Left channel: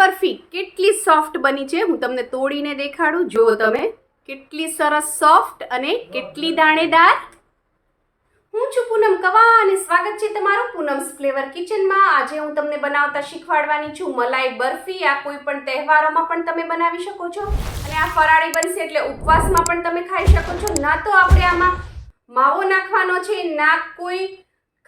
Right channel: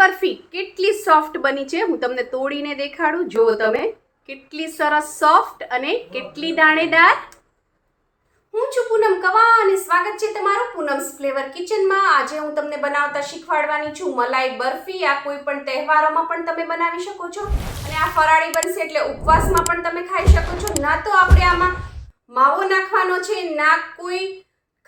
બરફી કેટલી સોફ્ટ બની છે હું તમને તોડીને દેખાડું. જો તમે કેટલી સરસ સોફ્ટ અને કેટલી દાણેદાર. હું છું પૂનમ કવા અને સ્વાગત છે તમારું પૂનમ્સ ફ્લેવર કિચનમાં. આજે હું તમને બનાવતા શીખવાડવાની છું મલાઈ બરફી. આ કોઈ પણ તહેવારોમાં પણ તમે બનાવી શકો છો અને આ ફરાળી બનશે એટલે ઉપવાસમાં પણ તમે ખાઈ શકો છો. ના તો આપણે આમાં માવો નાખવાનો છે, ના કોઈ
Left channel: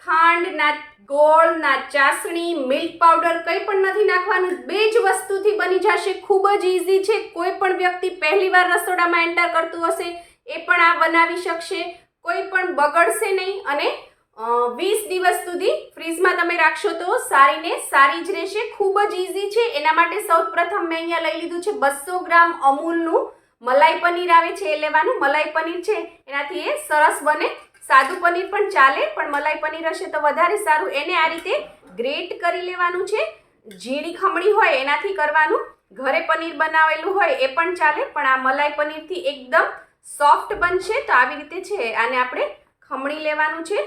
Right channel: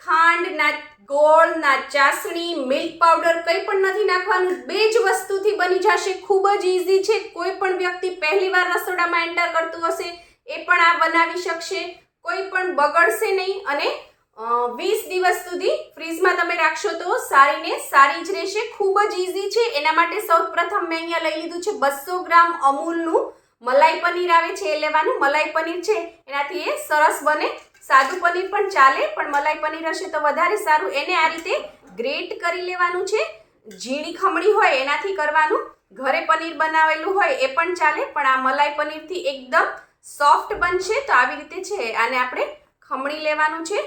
ખાંડ, ના ગોળ, ના ચાસણી, મિલ્ક પાવડર કંઈ પણ નથી નાખવાનું. બે જ વસ્તુથી બની જશે. ખૂબ જ ઇઝી છે. કોઈ પણ વ્યક્તિ પહેલીવાર રસોડામાં એન્ટર કરતું હશે એ પણ આ બનાવી શકશે. કોઈ પણ બગડશે નહીં અને 20 દિવસ સુધી ફ્રીજમાં તમે રાખશો તો સારી ને સારી જ રહેશે. ખૂબ જ ઇઝી છે. એના માટે સૌપ્રથમ મેં અહીંયા લઈ લીધું છે 200 ગ્રામ અમૂલનું મલાઈ પનીર આવે છે એ લેવાનું. મલાઈ પનીર છે એનાથી એ સરસ બને. સાદું પનીર પણ ચાલે પણ મલાઈ પનીર હશે તો વધારે સારું. એને આ રીતે ગ્રેટ કરી લેવાનું છે. ઝીણી ખમણી હોય એનાથી કરવાનું. ઘરે પનીર બનાવેલું હોય એ પણ ચાલે પણ આ મલાઈ પનીરથી એકદમ સોફ્ટ બનશે. તો આવી રીતે છે આને આપણે ખમણી લેવાનું છે.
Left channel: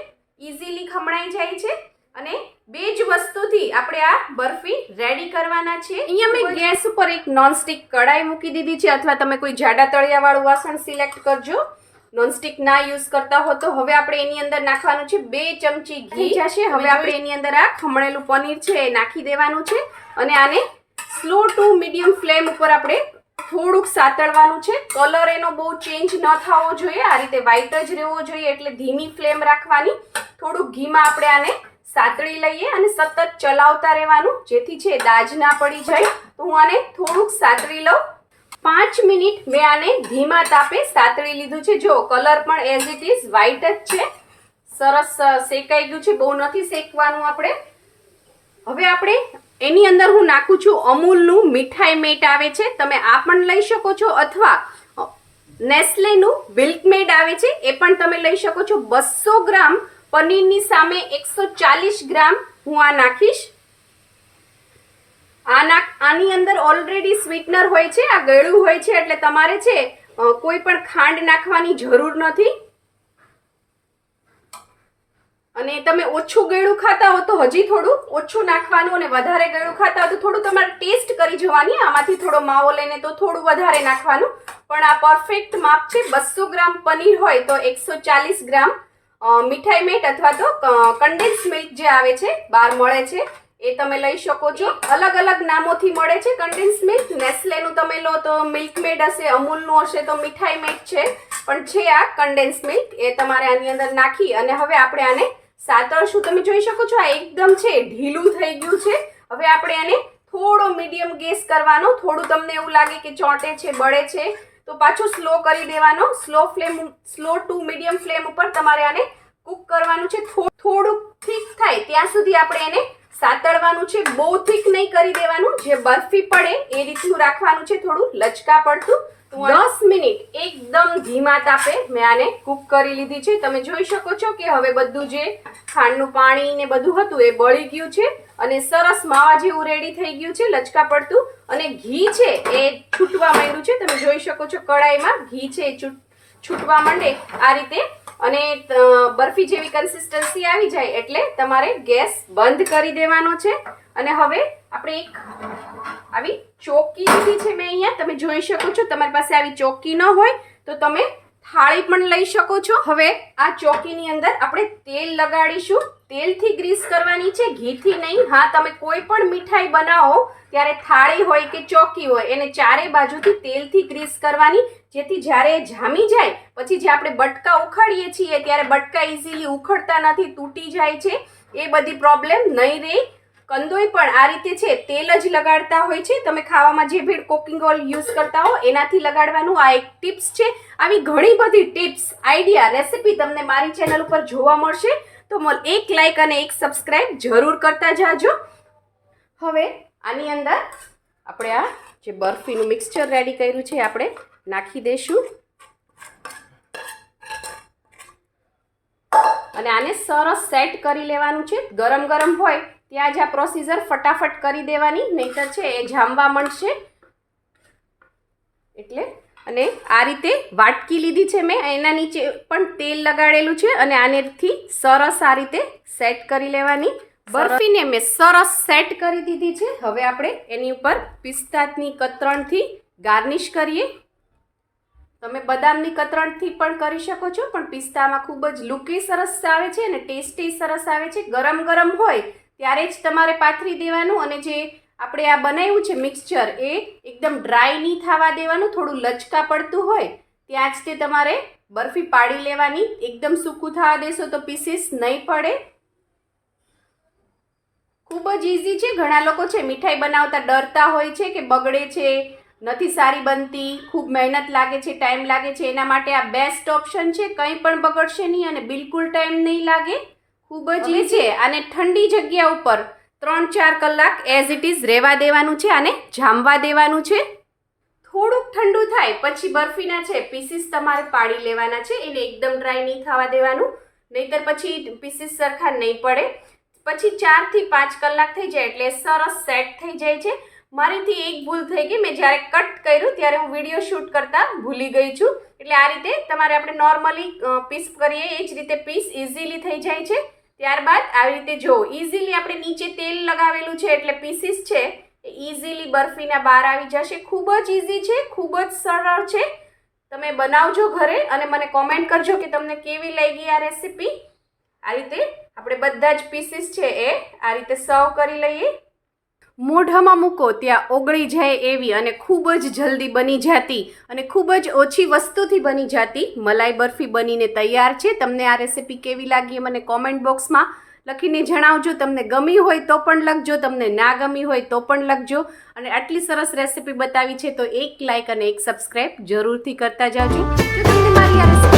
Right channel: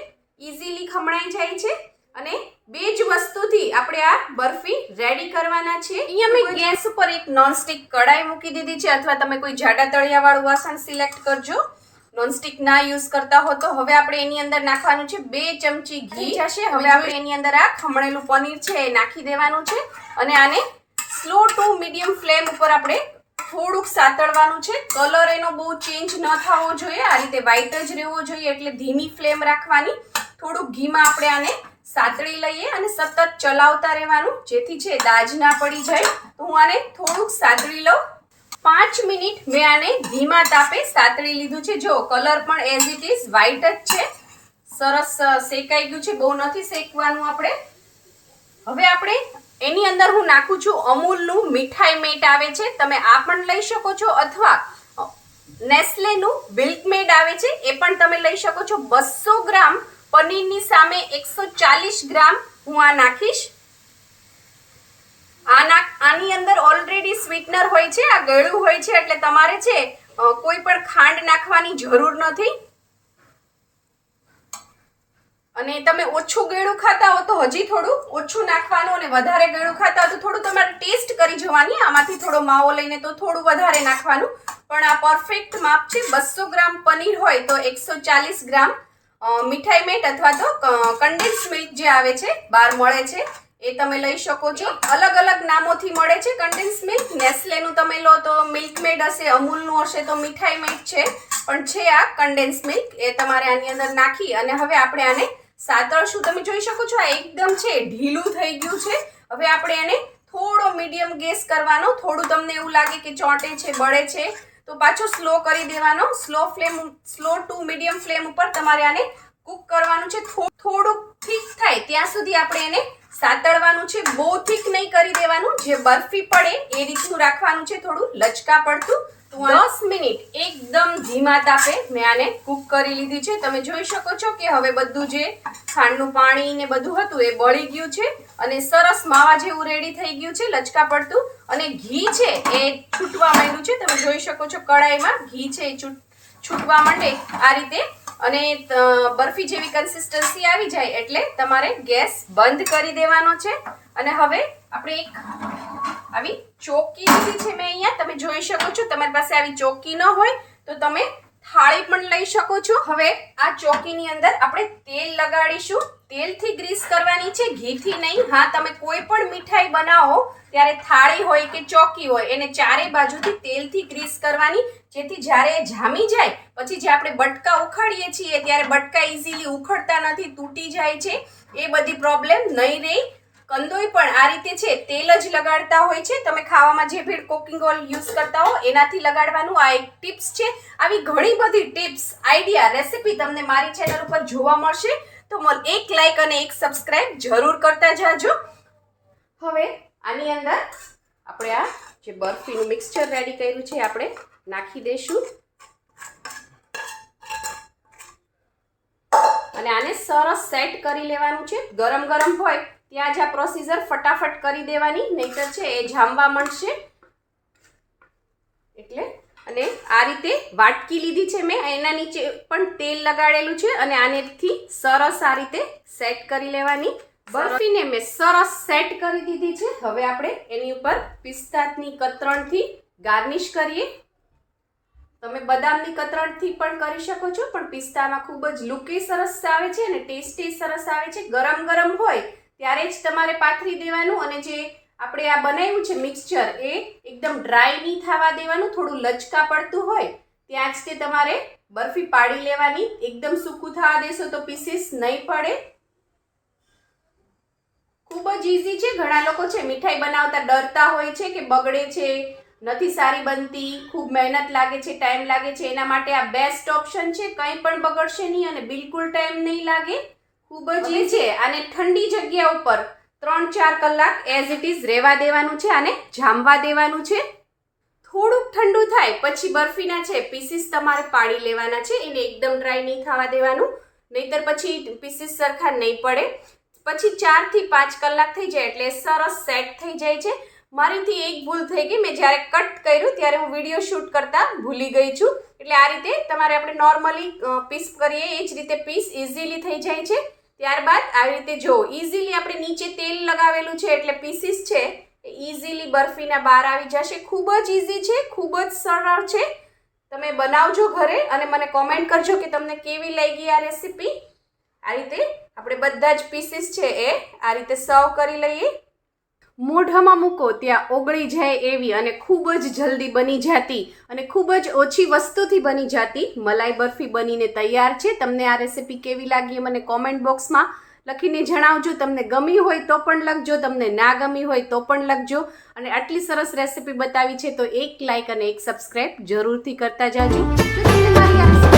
ઇઝીલી ખમણાઈ જાય છે અને બે જ વસ્તુથી આપણે આ બરફી રેડી કરવાના છે. અહીંયા મેં ગેસ ઉપર એક નોનસ્ટિક કડાઈ મૂકી દીધી છે અથવા તમે કોઈ જાડા તળિયાવાળું વાસણ સિલેક્ટ કરજો. નોનસ્ટિક ના યુઝ કરતા હો તો હવે આપણે એની અંદર નાખવાનું છે 2 ચમચી ઘી જશે. હવે આપણે એની અંદર આ ખમણેલું પનીર છે એ નાખી દેવાનું છે અને આને સ્લો ટુ મીડિયમ ફ્લેમ ઉપર આપણે થોડુંક સાતળવાનું છે. કલર એનો બહુ ચેન્જ ન થવો જોઈએ, આ રીતે વ્હાઈટ જ રહેવો જોઈએ એટલે ધીમી ફ્લેમ રાખવાની. થોડુંક ઘીમાં આપણે આને સાતળી લઈએ અને સતત ચલાવતા રહેવાનું જેથી છે દાજ ના પડી જાય. તો હું આને થોડુંક સાતળી લઉં. 5 મિનિટ મેં આને ધીમા તાપે સાતળી લીધું છે. જો કલર પણ એઝ ઇટ ઇઝ વ્હાઈટ જ છે. સરસ શેકાઈ ગયું છે. બહુ નથી શેકવાનું આપણે. હવે આપણે એની અંદર હું નાખું છું અમૂલનું મીઠાઈ મેટ આવે છે. તમે આ પણ લઈ શકો છો અથવા નેસ્લેનું મિલ્ક મેડ આવે છે એ પણ તમે લઈ શકો છો. 200 ગ્રામ પનીરની સામે 140 ગ્રામ હું આ નાખીશ. આની અંદર ઓલરેડી સ્વીટનર હોય છે, આ ગળ્યું હોય છે એટલે તમારે છે કોઈ પણ ખાંડ નાખવાની જરૂર નથી. અને તમે ઓછું ગળ્યું ખાતા હો તો હજી થોડું ઓછું નાખવાનું અને વધારે ગળ્યું ખાતા હો તો થોડું તમારે ટેસ્ટ કરી જોવાની. આમાંથી થોડો માવો લઈને તો થોડું વધારે નાખવાનું. પણ આ પરફેક્ટ માપ છે. 200 ગ્રામ પનીર હોય તો 140 ગ્રામ મીઠાઈ મેટ અથવા તો કન્ડેન્સ મિલ્ક જે આવે છે બહાર મળે છે એ તમે લઈ શકો છો. અલગ અલગ નામોથી મળે છે કન્ડેન્સ મિલ્ક. નેસ્લેનું તમે લો તો મિલ્ક મેડ હશે, અમૂલનું હશે તો મીઠાઈ મેડ છે, પણ છે આ કન્ડેન્સ મિલ્ક. એ તમારે આની અંદર નાખી અને હવે આપણે આને સાતળશું. તમે જોઈ શકો છો આ એકદમ છે ઢીલું થઈ ગયું છે. હવે આપણે એને થોડો મીડિયમ ગેસ કરવાનો. થોડું તમને એવું લાગે કે ચોંટે છે, બળે છે તો પાછું સ્લો કરી દેવાનો. સ્લો ટુ મીડિયમ ફ્લેમ ઉપર તમારે આને કુક કરવાનું છે. થોડુંક થીક થાય ત્યાં સુધી આપણે એને સાતળવાનું છે. બહુ થીક નહીં કરી દેવાનું. જે બરફી પડે એ રીતનું રાખવાનું છે, થોડું લચકા પડતું. 10 મિનિટ એકદમ ધીમા તાપે મેં આને કુક કરી લીધી છે. તમે જોઈ શકો છો કે હવે બધું જે ખાંડનું પાણી ને બધું હતું એ બળી ગયું છે અને સરસ માવા જેવું રેડી થઈ ગયું છે, લચકા પડતું. અને ઘી છે એ છૂટવા માંડ્યું છે. તમે જોઈ શકો છો કડાઈમાં ઘી છે એ છૂટવા માંડે આ રીતે અને બરફી જેવી કન્સિસ્ટન્સી આવી જાય એટલે તમારે ગેસ બંધ કરી દેવાનો છે. અને હવે આપણે એક આવી ચોકી લીધી છે મેં અહીંયા. તમે જોઈ શકો છો. તમારી પાસે આવી ચોકી ન હોય તો તમે થાળી પણ લઈ શકો છો. હવે આ ચોકીની અંદર આપણે તેલ લગાડીશું. તેલથી ગ્રીસ કરવાની છે, ઘીથી નહીં. હા, તમે કોઈ પણ મીઠાઈ બનાવો ત્યારે થાળી હોય કે ચોકી હોય એને ચારે બાજુથી તેલથી ગ્રીસ કરવાની જેથી જ્યારે જામી જાય પછી જે આપણે બટકા ઉખાડીએ છીએ ત્યારે બટકા ઇઝીલી ઉખડતા નથી, તૂટી જાય છે. એ બધી પ્રોબ્લેમ નહીં રહે. કંદોઈ પણ આ રીતે છે તેલ જ લગાડતા હોય છે. તમે ખાવામાં જે ભી કુકિંગ ઓઇલ યુઝ કરતા હો એનાથી લગાડવાનું. આ એક ટિપ્સ છે. આવી ઘણી બધી ટિપ્સ, આઈડિયા, રેસીપી તમને મારી ચેનલ ઉપર જોવા મળશે તો એક લાઈક અને એક સબસ્ક્રાઇબ જરૂર કરતા જાજો. હવે આની અંદર આપણે આ જે બરફીનું મિક્સચર રેડી કર્યું છે આપણે નાખી દઈશું અને આને સરસ સેટ કરી લેવાનું છે. ગરમ ગરમ હોય ત્યાં જ આ પ્રોસીજર ફટાફટ કરી દેવાની, નહીતર છે એ જામવા માંડશે. એટલે અને આ રીતે વાટકી લીધી છે મેં, એના નીચે પણ તેલ લગાડેલું છે અને આનેથી સરસ આ રીતે સેટ કરી લેવાની. બરફીને મેં સરસ સેટ કરી દીધી છે. હવે આપણે એની ઉપર પિસ્તાની કતરણથી ગાર્નિશ કરીએ. તમે બદામની કતરણથી પણ કરી શકો છો, પણ પિસ્તામાં ખૂબ જ લુકે સરસ આવે છે અને ટેસ્ટી સરસ આવે છે. ગરમ ગરમ હોય ત્યારે જ તમારે પાથરી દેવાનું, અને જે આપણે આ બનાવ્યું છે મિક્સચર એ એકદમ ડ્રાય નહીં થવા દેવાનું. થોડું લચકા પડતું હોય ત્યાં જ તે તમારે બરફી પાડી લેવાની. એકદમ સૂકું થવા દેશો તો પીસીસ નહીં પડે. ખૂબ જ ઇઝી છે. ઘણા લોકો છે મીઠાઈ બનાવતા ડરતા હોય છે કે બગડે છે, નથી સારી બનતી, ખૂબ મહેનત લાગે છે, ટાઈમ લાગે છે. એના માટે આ બેસ્ટ ઓપ્શન છે. કંઈ પણ બગડશે નહીં અને બિલકુલ ટાઈમ નહીં લાગે. ખૂબ જ ઇઝી છે. આને ઠંડી જગ્યા ઉપર 3-4 કલાક એઝ ઇટ ઇઝ રહેવા દેવાનું છે અને જામવા દેવાનું છે. થોડુંક ઠંડુ થાય પછી બરફીના છે પીસીસ તમારે પાડી લેવાના છે. એને એકદમ ડ્રાય નહીં થવા દેવાનું, નહીતર પછી પીસીસ સરખા નહીં પડે. પછી 4 થી 5 કલાક થઈ જાય એટલે સરસ સેટ થઈ જાય છે. મારીથી એક ભૂલ થઈ ગઈ, મેં જ્યારે કટ કર્યું ત્યારે હું વિડીયો શૂટ કરતા ભૂલી ગઈ છું. એટલે આ રીતે તમારે આપણે નોર્મલી પીસ કરીએ એ જ રીતે પીસ ઇઝીલી થઈ જાય છે. ત્યારબાદ આવી રીતે જો ઇઝીલી આપણે નીચે તેલ લગાવેલું છે એટલે પીસીસ છે ઇઝીલી બરફીના બહાર આવી જશે. ખૂબ જ ઇઝી છે, ખૂબ જ સરળ છે. તમે બનાવજો ઘરે અને મને કોમેન્ટ કરજો કે તમને કેવી લાગી આ રેસીપી. આ રીતે આપણે બધા જ પીસીસ છે એ આ રીતે સર્વ કરી લઈએ. મોઢામાં મૂકો ત્યાં ઓગળી જાય એવી અને ખૂબ જ જલ્દી બની જતી અને ખૂબ જ ઓછી વસ્તુથી બની જતી મલાઈ બરફી બનીને તૈયાર છે. તમને આ રેસીપી કેવી લાગી મને કોમેન્ટ બોક્સમાં લખીને જણાવજો. તમને ગમી હોય તો પણ લખજો, તમને ના ગમી હોય તો પણ લખજો. અને આટલી સરસ રેસીપી બતાવી છે તો એક લાઇક અને એક સબસ્ક્રાઈબ જરૂરથી કરતા જાજો. જો તમને મારી આ રેસીપી